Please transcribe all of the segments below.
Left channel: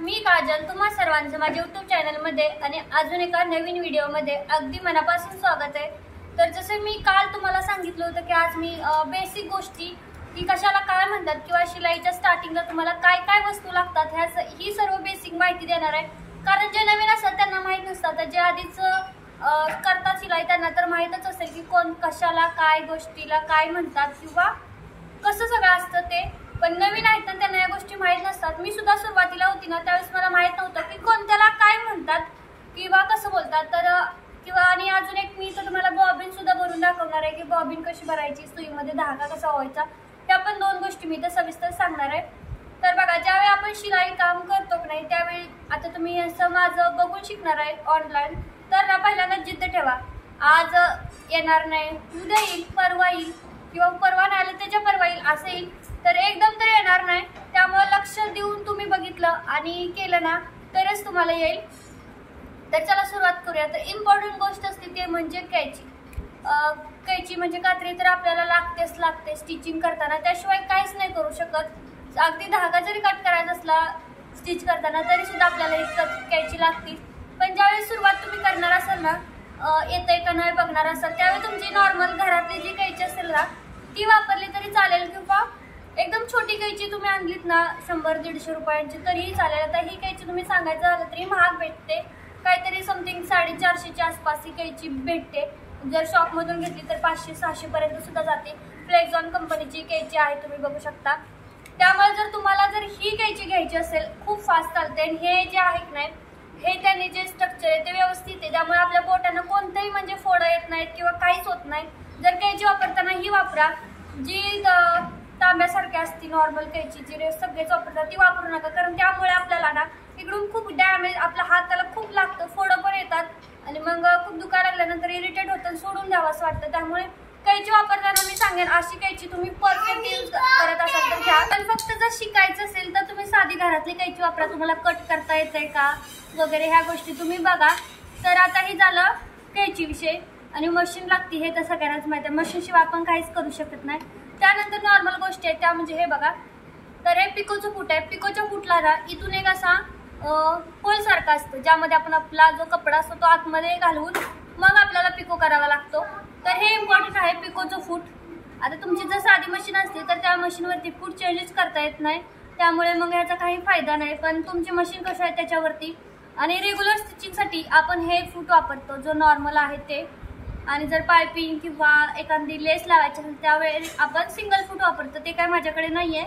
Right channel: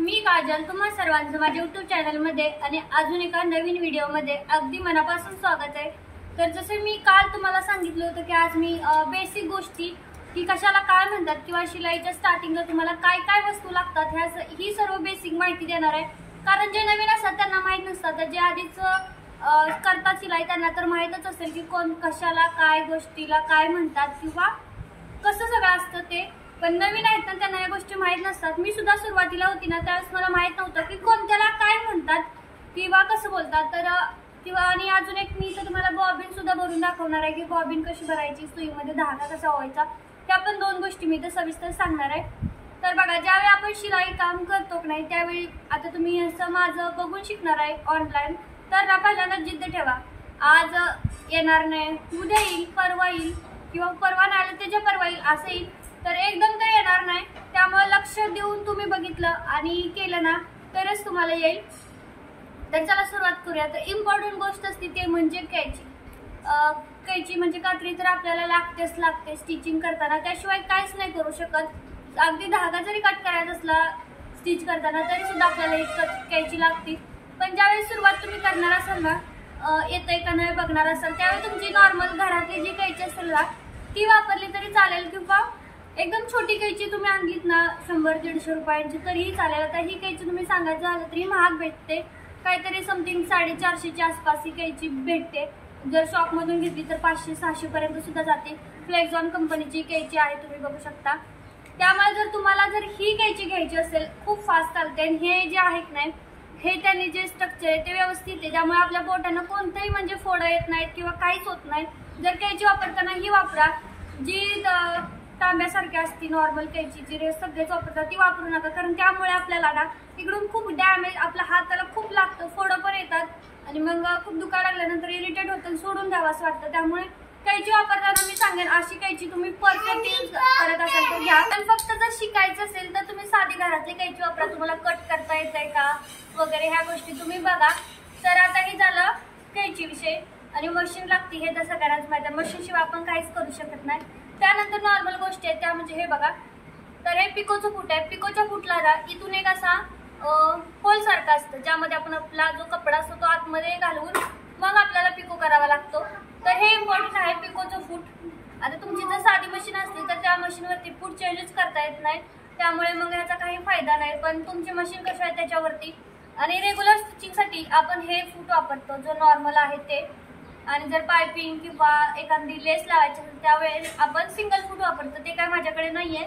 मी काजल तुम्हा सर्वांचं माझ्या YouTube चॅनलमध्ये आणि अजून एका नवीन व्हिडिओमध्ये अगदी मनापासून स्वागत आहे। तर जसे मी काल तुम्हाला सांगितलं होतं की आज मी बेसिक गोष्टी की कशाला काय म्हणतात किंवा शिलाईच्या स्टार्टिंगला तुम्हाला काय काय वस्तू लागतात ही सर्व बेसिक माहिती देणार आहे। कारण जे नवीन असतात त्यांना माहित नसतात, जे आधीच करतात शिलाई त्यांना तर माहीतच असेल की कोण कशाला काय गोष्टीला काय म्हणतात किंवा कसं सगळं असतं ते। पण नवीन आहेत ना त्यांना या गोष्टी माहीत नसतात। मी सुद्धा सुरुवातीला होती ना त्यावेळेस मला माहीत नव्हतं की कोणत्याला काय म्हणतात किंवा कसं बोलतात। तर किंवा आणि अजून एक मी तर तुम्हाला बॉबिन सुद्धा भरून दाखवणार आहे की बॉबिन कशी भरायची, सुईमध्ये धागा कसा व्हायचा, त्या पण दोन गोष्टी मी तर सविस्तर सांगणार आहे। तर बघा, ज्यावेळी आपण शिलाई काम करतो की नाही त्यावेळी आता तुम्ही असं माझं बघून शिकणार आहे ऑनलाईन, तर ना पहिल्यांदा जिद्द ठेवा। आज येणार नाही, उद्या येईल, परवा येईल किंवा परवा नाही आलं त्याच्या परवा येईल असं येईल, तर एकदम तर येणार नाही। त्यामुळे लक्ष देऊन तुम्ही बघितलं आणि केलं ना तरच तुम्हाला येईल। तर चला सुरुवात करूया। तर इम्पॉर्टंट गोष्ट असते ते म्हणजे कैची। कैची म्हणजे कात्री तर आपल्याला लागते स्टिचिंग करताना, त्याशिवाय काहीच नाही करू शकत। अगदी धागा जरी कट करायचा असला स्टिच करताना तरी सुद्धा आपल्याला एक कैची लागते। पण ज्यावेळी सुरुवात तुम्ही करणार असाल ना, येतंय का नाही बघणार असाल, त्यावेळी तुमची नॉर्मल घरातली जी कैची असेल ना ती वापरली तरी चालेल किंवा एकदम छोटी कैची तुम्ही आणलीत ना 100-150 रुपयांची तरीही चालेल। आता ही कैची तुम्ही सांगायचं झालं तरी महाग भेटते, काहीतरी समथिंग 450च्या आसपास ही कैची भेटते। जर शॉपमधून घेतली तर 500-600 पर्यंत सुद्धा जाते। फ्लेक्झॉन कंपनीची कैची आहे, तुम्ही बघू शकता। त्यामुळे जर तुम्हाला ही कैची घ्यायची असेल खूप फास्ट चालते आणि हे जे आहे की नाही हे त्यांनी जे स्ट्रक्चर आहे ते व्यवस्थित आहे, त्यामुळे आपल्या बोटांना कोणतेही म्हणजे फोडं येत नाहीत किंवा काहीच होत नाही। जर कैची वापरताना ही वापरा जी तांब्यासारखी असती नॉर्मल कैची जी सगळेच वापरतात ती वापरू नका, कारण त्यामुळे आपल्याला ना इकडून खूप डॅमेज, आपला हात त्याला खूप लागतं, फोडं पण येतात आणि मग खूप दुखायला लागल्यानंतर इरिटेट होतं, सोडून द्यावं असं वाटतं। त्यामुळे कैची वापरताना मी सांगेन अशी कैची तुम्ही परफेक्ट यूज करत असाल तर घ्या। पण फक्त जर शिकायचं असेल तर तुम्ही साधी घरातली कैची वापरा, तुम्हाला कट करता येतंय का वगैरे ह्या गोष्टी तुम्ही बघा। तर आता हे झालं कैची विषय आणि मशीन लागते हे तर सगळ्यांनाच माहिती आहे, मशीनशिवाय आपण काहीच करू शकत नाही। त्यानंतर नॉर्मल गोष्टी आहेत त्या म्हणजे हे बघा, तर हे पिकोचं फूट आहे। पिकोच्या फूटला ना इथून एक असा होल सारखा असतं ज्यामध्ये आपण आपला जो कपडा असतो तो आतमध्ये घालून मग आपल्याला पिको करावा लागतो। तर हे इम्पॉर्टंट आहे पिकोचं फूट। आता तुमची जर साधी मशीन असते तर त्या मशीनवरती फूट चेंजेस करता येत नाही, त्यामुळे मग ह्याचा काही फायदा नाही। पण तुमची मशीन कशी आहे त्याच्यावरती, आणि रेग्युलर स्टिचिंगसाठी आपण हे फूट वापरतो जो नॉर्मल आहे ते। आणि जर पायपिंग किंवा एखादी लेस लावायची असेल त्यावेळेस आपण सिंगल फूट वापरतो, ते काय माझ्याकडे नाही आहे,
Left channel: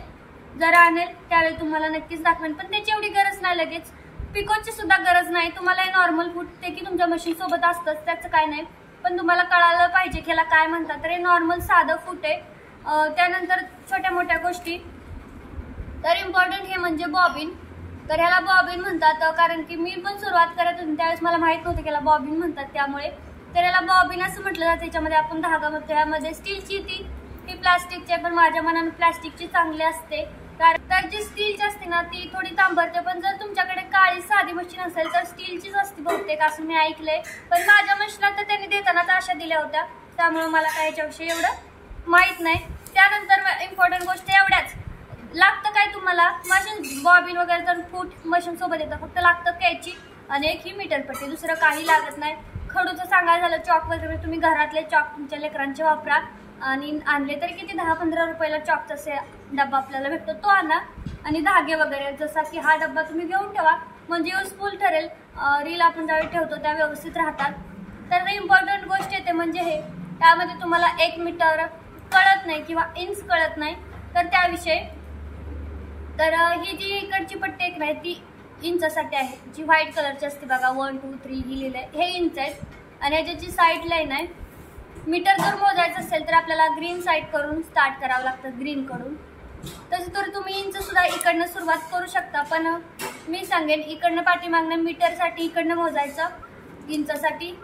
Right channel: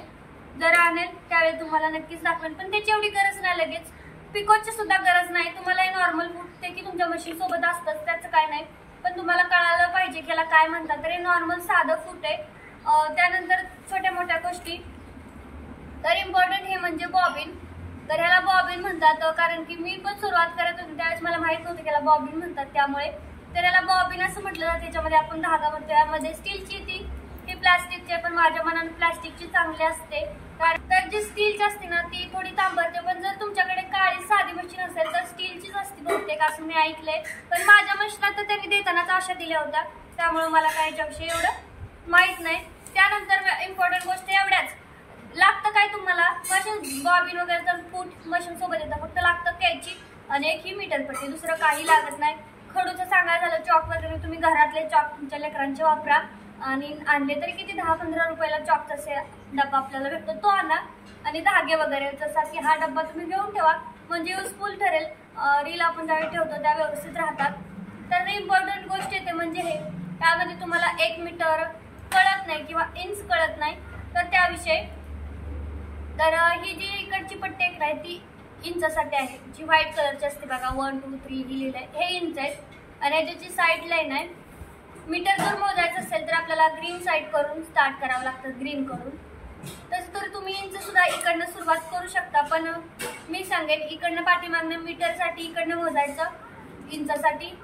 जर आणेल त्यावेळी तुम्हाला नक्कीच दाखवेन। पण त्याची एवढी गरज नाही, लगेच पिकोची सुद्धा गरज नाही तुम्हाला। हे नॉर्मल फूट ते की तुमच्या मशीन सोबत असतंच त्याचं काय नाही, पण तुम्हाला कळायला पाहिजे की ह्याला काय म्हणतात। तर हे नॉर्मल साधं फूट आहे। त्यानंतर छोट्या मोठ्या गोष्टी, तर इम्पॉर्टंट हे म्हणजे बॉबिन। तर ह्याला बॉबिन म्हणतात, कारण की मी पण सुरुवात करत होती त्यावेळेस मला माहित नव्हतं की ह्याला बॉबिन म्हणतात, त्यामुळे तर याला बॉबिन असं म्हटलं जातं। त्याच्यामध्ये आपण धागा म्हणतो, यामध्ये स्टीलची ती प्लास्टिकची आहे, पण माझ्या मनाने प्लास्टिकची चांगली असते, कारण तर जी स्टीलची असते ना ती थोडी तांबरते। पण जर तुमच्याकडे काळी साधी मशीन असेल तर स्टीलचीच असते बहुतेक असं मी ऐकलंय, पण माझ्या मशीनला तर त्यांनी देतानाच आशा दिल्या होत्या, त्यामुळे मला काय याच्याविषयी एवढं माहीत नाही। त्यानंतर इम्पॉर्टंट गोष्ट एवढ्याच लागतं काय तुम्हाला, मशीन बॉबिन वगैरे तर फूट मशीन सोबत येतं, फक्त लागतं कैची आणि एक ही मीटर पट्टी, दुसरं काही लागत नाही। खडूचं सांगायचं झालं चॉक वगैरे तुम्ही घरातले चॉक तुमच्या लेकरांचे वापरा, आणि आणले तरी किती 10-15 रुपयाला चॉकचा असे डब्बा आपल्याला भेटतो तो आणा, आणि धागे वगैरे जसा की हा डब्बा तुम्ही घेऊन ठेवा म्हणजे युजफुल ठरेल। रील आपण ज्यावेळी ठेवतो त्या व्यवस्थित राहतात। तर इम्पॉर्टंट गोष्ट येते म्हणजे हे, त्यामध्ये तुम्हाला 1 मीटर कळत नाही किंवा इंच कळत नाही तर त्याविषयी। तर ही जी इकडची पट्टी एक नाही ती इंचासाठी आहे, जी व्हाईट कलरची असते बघा, 1 2 3 लिहिलेलं आहे हे इंच आहे, आणि ह्याची साईड लाईन आहे। मीटर जर मोजायचं असेल तर आपल्याला ग्रीन साईड करून स्टार्ट करावं लागतं, ग्रीन कडून। तसं तर तुम्ही इंच सुद्धा इकडनं सुरुवात करू शकता, पण मी सांगेन इकडनं पाठीमागनं मीटरसाठी इकडनं मोजायचं, इंचासाठी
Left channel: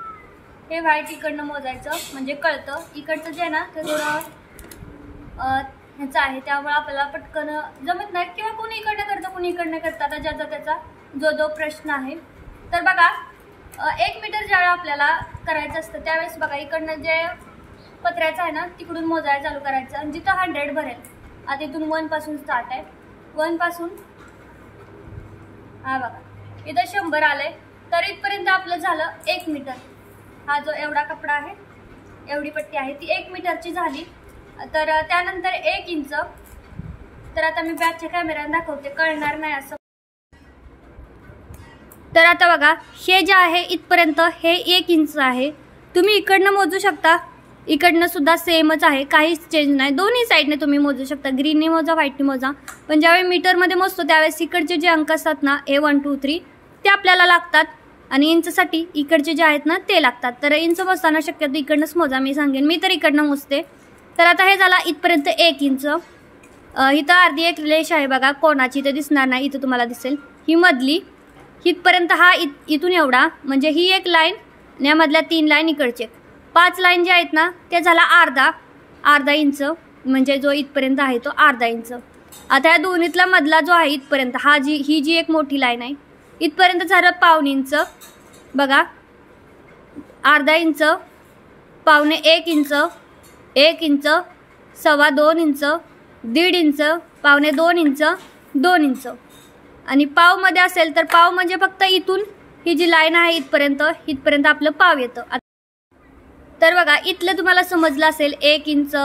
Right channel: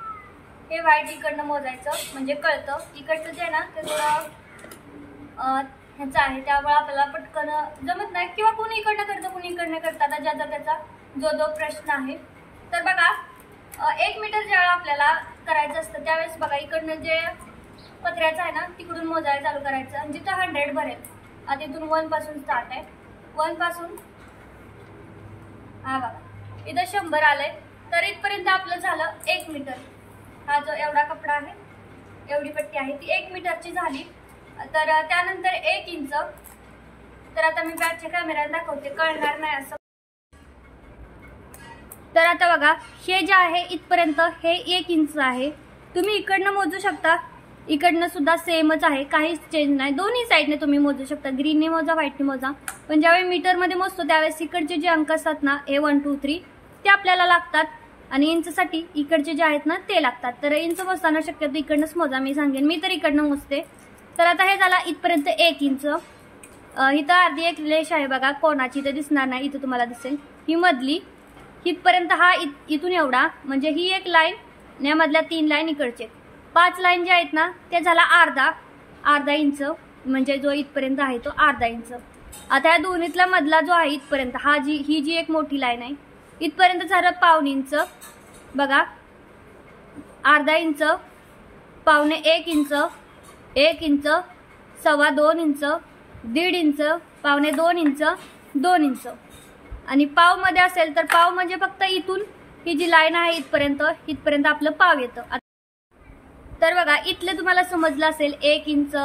हे व्हाईट इकडनं मोजायचं म्हणजे कळतं। इकडचं जे आहे ना ते थोडं ह्याचं आहे, त्यामुळे आपल्याला पटकन जमत नाही, किंवा कोणी इकडनं करतं कोणी इकडनं करतं, आता ज्याचा त्याचा जो प्रश्न आहे। तर बघा 1 मीटर ज्यावेळेला आपल्याला करायचं असतं त्यावेळेस बघा इकडनं जे पत्र्याचं आहे ना तिकडून मोजायला चालू करायचं, आणि जिथं 100 भरेल, आता इथून 1 पासून स्टार्ट आहे, 1 पासून हा बघा इथं 100 आलंय. तर इथपर्यंत आपलं झालं 1 मीटर. हा जो एवढा कपडा आहे, एवढी पट्टी आहे ती 1 मीटरची झाली. तर त्यानंतर 1 इंच. तर आता मी बॅकच्या कॅमेऱ्याने दाखवते, कळणार नाही असं. तर आता बघा हे जे आहे इथपर्यंत हे 1 इंच आहे. तुम्ही इकडनं मोजू शकता, इकडनं सुद्धा सेमच आहे, काहीच चेंज नाही. दोन्ही साईडने तुम्ही मोजू शकता, ग्रीनने मोजा व्हाईटने मोजा. पण ज्यावेळी मीटरमध्ये मोजतो त्यावेळेस इकडचे जे अंक असतात ना A1 2 3 ते आपल्याला लागतात आणि इंचसाठी इकडचे जे आहेत ना ते लागतात. तर इंच मोजताना शक्यतो इकडनंच मोजा, मी सांगेन, मी तर इकडनं मोजते. तर आता हे झाला इथपर्यंत 1 इंच. इथं अर्धी एक रेष आहे बघा कोणाची, इथं दिसणार नाही, इथं तुम्हाला दिसेल ही मधली. इथपर्यंत हा इथून एवढा, म्हणजे ही एक लाईन, यामधल्या 3 लाईन इकडचे 5 लाईन जे आहेत ना ते झाला अर्धा इंच, म्हणजे जो इथपर्यंत आहे तो अर्धा इंच. आता या दोन्हीतला मधला जो आहे इथपर्यंत ही जी एक मोठी लाईन आहे इथपर्यंत झालं पाऊण इंच. बघा अर्धा इंच, पावणे 1 इंच, 1 इंच, 2.25 इंच, 1.5 इंच, पावणे 2 इंच, 2 इंच. आणि पाव मध्ये असेल तर पाव म्हणजे फक्त इथून ही जी लाईन आहे इथपर्यंत आपलं पाव येतं. तर बघा इथलं तुम्हाला समजलं असेल 1 इंच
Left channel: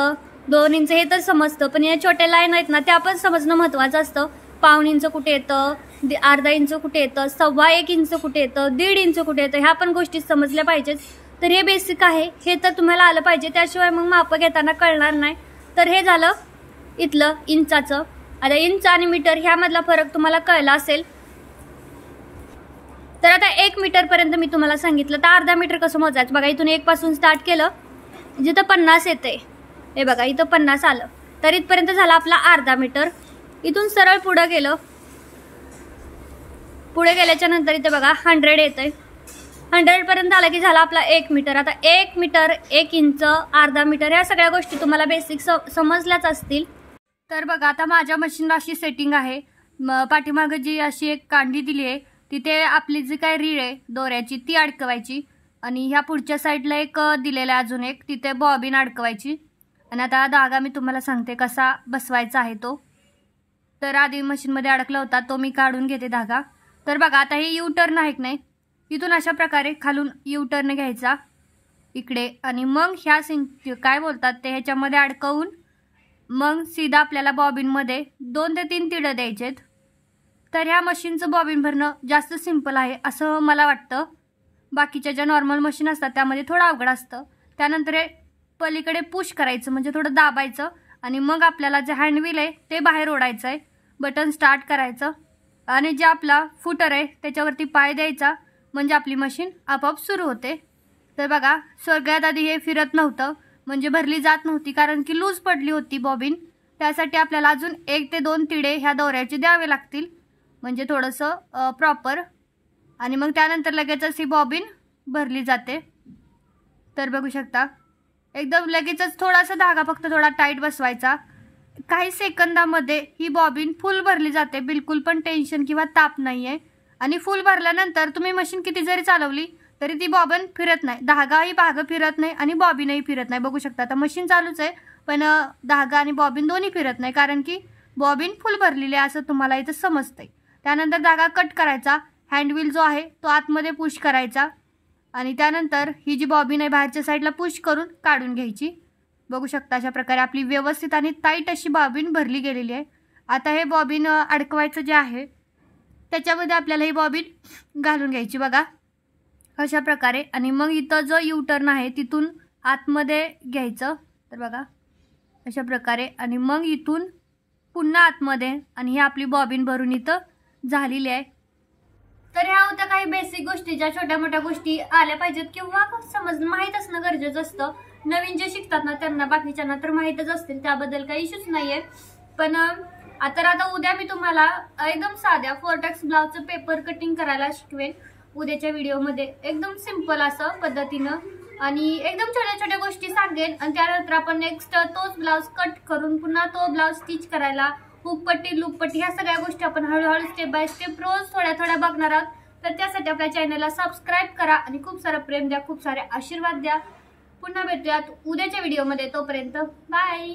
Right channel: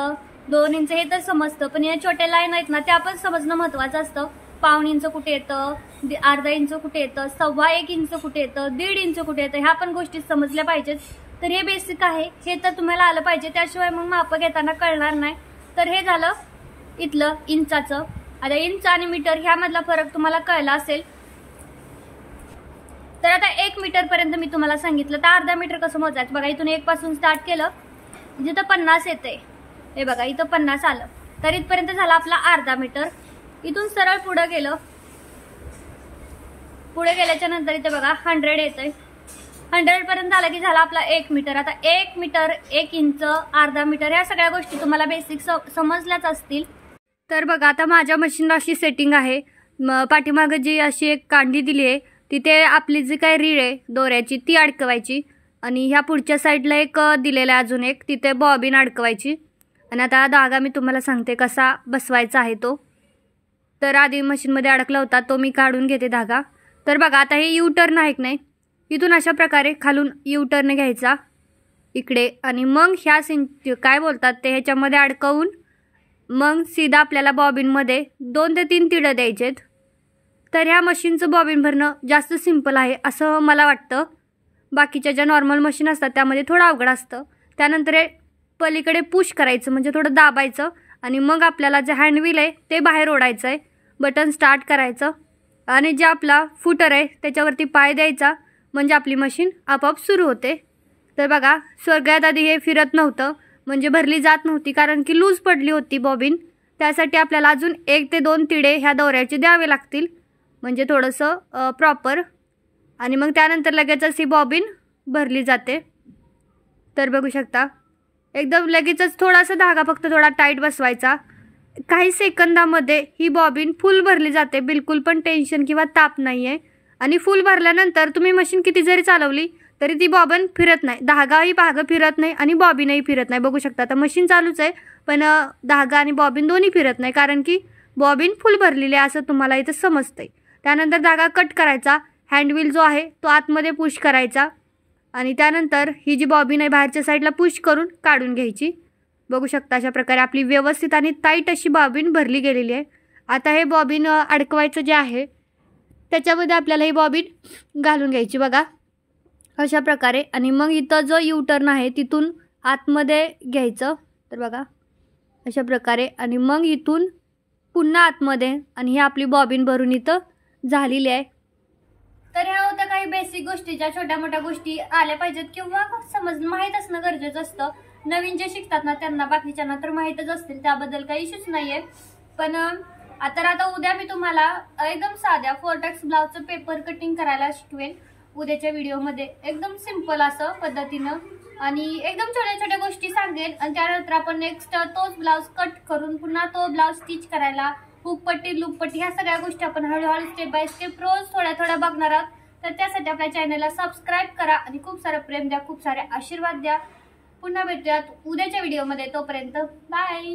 2 इंच हे तर समजतं, पण या छोट्या लाईन आहेत ना त्या पण समजणं महत्त्वाचं असतं. पाऊण इंच कुठे येतं, अर्धा इंच कुठे येतं, 1.25 इंच कुठे येतं, 1.5 इंच कुठे येतं, ह्या पण गोष्टी समजल्या पाहिजेत. तर हे बेसिक आहे, हे तर तुम्हाला आलं पाहिजे, त्याशिवाय मग माप घेताना कळणार नाही. तर हे झालं इथलं इंचाचं. आता इंच आणि मीटर ह्यामधला फरक तुम्हाला कळला असेल. तर आता 1 मीटरपर्यंत मी तुम्हाला सांगितलं, तर अर्धा मीटर कसं मोजायचं बघा. इथून 1 पासून स्टार्ट केलं, जिथं 50 येते, हे बघा इथं 50 आलं, तर इथपर्यंत झाला आपला अर्धा मीटर. इथून सरळ पुढं गेलं, पुढे गेल्याच्या नंतर इथे बघा 100 येतंय, 100 पर्यंत आलं की झाला आपला 1 मीटर. आता 1 मीटर 1 इंच अर्धा मीटर ह्या सगळ्या गोष्टी तुम्हाला बेसिक समजल्याच असतील. तर बघा आता माझ्या मशीनला अशी सेटिंग आहे, पाठीमागं जी अशी एक कांडी दिली आहे तिथे आपली जी काय रीळ आहे दोऱ्याची ती अडकवायची, आणि ह्या पुढच्या साईडला एक दिलेला आहे अजून एक, तिथे बॉबिन अडकवायची. आणि आता धागा मी तुम्हाला सांगते कसा बसवायचा आहे तो. तर आधी मशीनमध्ये अडकला होता तो मी काढून घेते धागा. तर बघा आता हे यू टर्न आहे की नाही, इथून अशा प्रकारे खालून यू टर्न घ्यायचा इकडे, आणि मग ह्या काय बोलतात ते ह्याच्यामध्ये अडकवून मग सीधा आपल्याला बॉबिनमध्ये 2 ते 3 तिळं द्यायचेत. तर ह्या मशीनचं बॉबिन भरणं जास्त सिंपल आहे असं मला वाटतं. बाकीच्या ज्या नॉर्मल मशीन असतात त्यामध्ये थोडं अवघड असतं. त्यानंतर हे पलीकडे पुश करायचं, म्हणजे थोडं दाबायचं, आणि मग आपल्याला जे हँडव्हील आहे ते बाहेर ओढायचं आहे, बटन स्टार्ट करायचं, आणि जे आपला फुटर आहे त्याच्यावरती पाय द्यायचा, म्हणजे आपली मशीन आपोआप सुरू होते. तर बघा सगळ्यात आधी हे फिरत नव्हतं, म्हणजे भरली जात नव्हती, कारण की लूज पडली होती बॉबिन. त्यासाठी आपल्याला अजून 1 ते 2 तिडे ह्या दोऱ्याचे द्यावे लागतील, म्हणजे थोडंसं प्रॉपर. आणि मग त्यानंतर लगेचच ही बॉबिन भरली जाते. तर बघू शकता एकदम लगेचच थोडासा धागा फक्त थोडा टाईट बसवायचा, काही सेकंदामध्ये ही बॉबिन फुल भरली जाते, बिलकुल पण टेन्शन किंवा ताप नाही आहे. आणि फुल भरल्यानंतर तुम्ही मशीन किती जरी चालवली तरी ती बॉबिन फिरत नाही, धागाही भाग फिरत नाही आणि बॉबिनही फिरत नाही. बघू शकता आता मशीन चालूच आहे पण धागा आणि बॉबिन दोन्ही फिरत नाही, कारण की बॉबिन फुल भरलेली आहे असं तुम्हाला इथं समजतंय. त्यानंतर धागा कट करायचा, हँडव्हील जो आहे तो आतमध्ये पुश करायचा, आणि त्यानंतर ही जी बॉबिन आहे बाहेरच्या साईडला पुश करून काढून घ्यायची. बघू शकता अशा प्रकारे आपली व्यवस्थित आणि टाईट अशी बॉबिन भरली गेलेली आहे. आता हे बॉबिन अडकवायचं जे आहे त्याच्यामध्ये आपल्याला ही बॉबिन घालून घ्यायची बघा अशा प्रकारे, आणि मग इथं जो यू टर्न आहे तिथून आतमध्ये घ्यायचं. तर बघा अशा प्रकारे, आणि मग इथून पुन्हा आतमध्ये, आणि ही आपली बॉबिन भरून इथं झालेली आहे. तर ह्या होत्या काही बेसिक गोष्टी, ज्या छोट्या मोठ्या गोष्टी आल्या पाहिजेत किंवा माहीत असणं गरजेचं असतं. नवीन जे शिकतात ना त्यांना, बाकीच्यांना तर माहीतच असतील, त्याबद्दल काही इश्यूच नाहीये. पण आता उद्या मी तुम्हाला एकदम साध्या 4टक्स ब्लाउजचं पेपर कटिंग करायला शिकवेन उद्याच्या व्हिडिओमध्ये, एकदम सिंपल असं पद्धतीनं, आणि एकदम छोट्या छोट्या गोष्टी सांगेन. आणि त्यानंतर आपण नेक्स्ट तोच ब्लाउज कट करून पुन्हा तो ब्लाउज स्टिच करायला, हुकपट्टी लूपपट्टी ह्या सगळ्या गोष्टी आपण हळूहळू स्टेप बाय स्टेप रोज थोड्या थोड्या बघणार आहोत. तर त्यासाठी आपल्या चॅनलला सबस्क्राईब करा आणि खूप सारं प्रेम द्या, खूप सारे आशीर्वाद द्या. पुन्हा भेटूयात उद्याच्या व्हिडिओमध्ये, तोपर्यंत बाय.